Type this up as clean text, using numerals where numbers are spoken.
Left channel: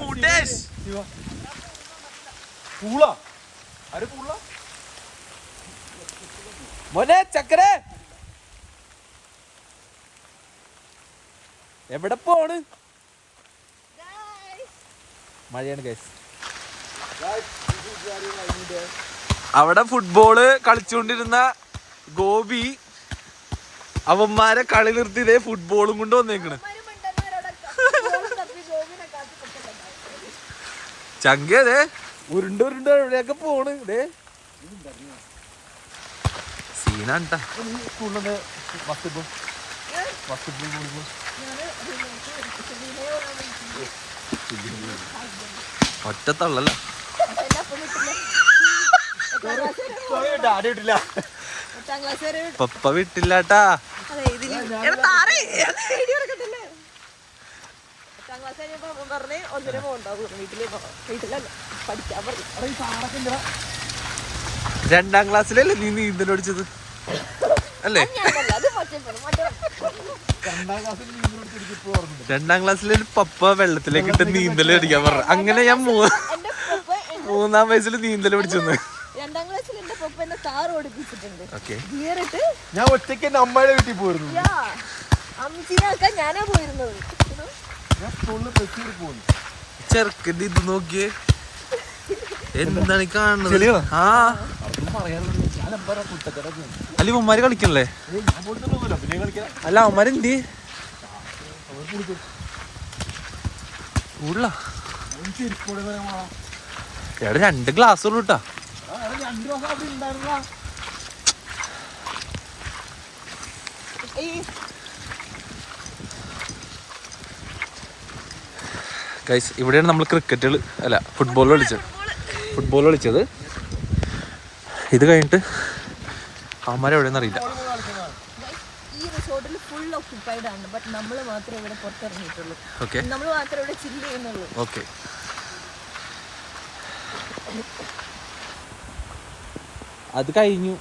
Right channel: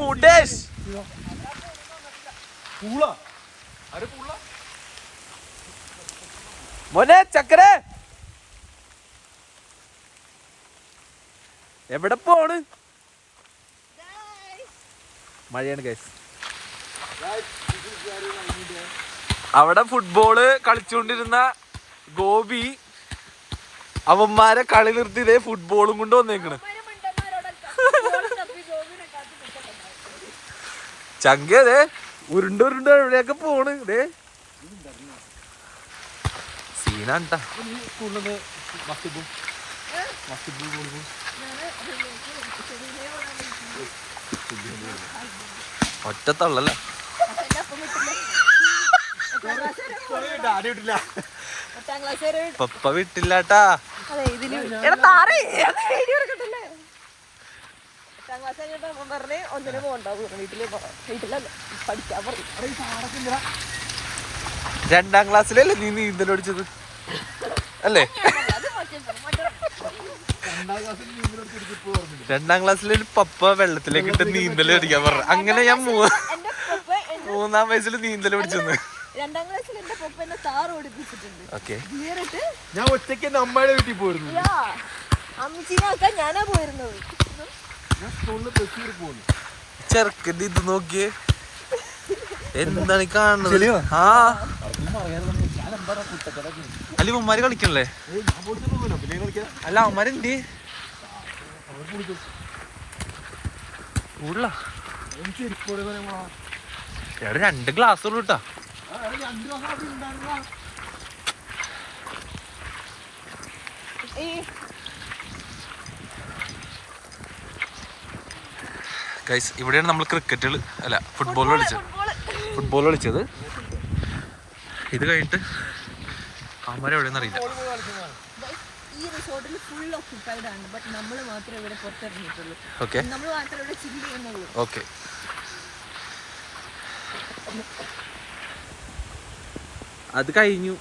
മുടേഷ് മോനെ ചക്കര എവിടെ പോണ്? മഴയാണ് ഗൈസ്. അവിടെ ഫുട്ബോള് കളിച്ചുകൊണ്ടിരുന്ന ഗോപി അവന്മാരെ കളി നിർത്തിയതേ ഫുട്ബോളും കൊണ്ട് വന്നേക്കണ്. ചങ്കേ ഉരുണ്ട് എവിടെയൊക്കെ പോണ്. ഇതേ സീനാണ്ടാ. ഒറ്റ തള്ളല്ല. പപ്പ വിട്ടില്ലാട്ടാ. രണ്ടാം ക്ലാസ്സിലല്ലേ നീ നീന്തൽ പഠിച്ചത് അല്ലേ? രണ്ടാം ക്ലാസ്സിൽ പപ്പ വെള്ളത്തിലേക്ക് ഇട്ട് നീന്തൽ പഠിക്കാൻ പറഞ്ഞു. അങ്ങനെ ഞാൻ മൂന്നാം വയസ്സിൽ നീന്തൽ പഠിച്ചെന്ന്. ഞാൻ ഒറ്റയ്ക്ക് അമ്മയുടെ വീട്ടിൽ പോയിരുന്നു. ചെറുക്കന്റെ ഇത് നോക്കിയേ, എന്താണ് കാണുന്നത്? ആ അല്ല അവന്മാര് കളിക്കണല്ലേ? അല്ല അവന്മാരെന്തി കൂടുതലാ. എവിടെ 2 ഗ്ലാസ് ഉള്ളു കേട്ടാ. ഗൈസ് ഇവിടെയാണ് നമ്മൾ ക്രിക്കറ്റ് അല്ല ഫുട്ബോൾ കളിച്ചത്. ഇത് കഴിഞ്ഞിട്ട് അവന്മാരെ എവിടെയെന്ന് അറിയില്ല. ഈ റിസോർട്ടിൽ ഫുൾ ഓക്യുപ്പൈഡ് ആണ്. ബട്ട് നമ്മൾ മാത്രമേ ഇവിടെ പുറത്തിറങ്ങിയിട്ടുള്ളൂ. ഓക്കെ, നമ്മൾ മാത്രമേ ഇവിടെ ചില്ല് ചെയ്യുന്നുള്ളൂ. ഓക്കെ. അത് കഴിഞ്ഞു.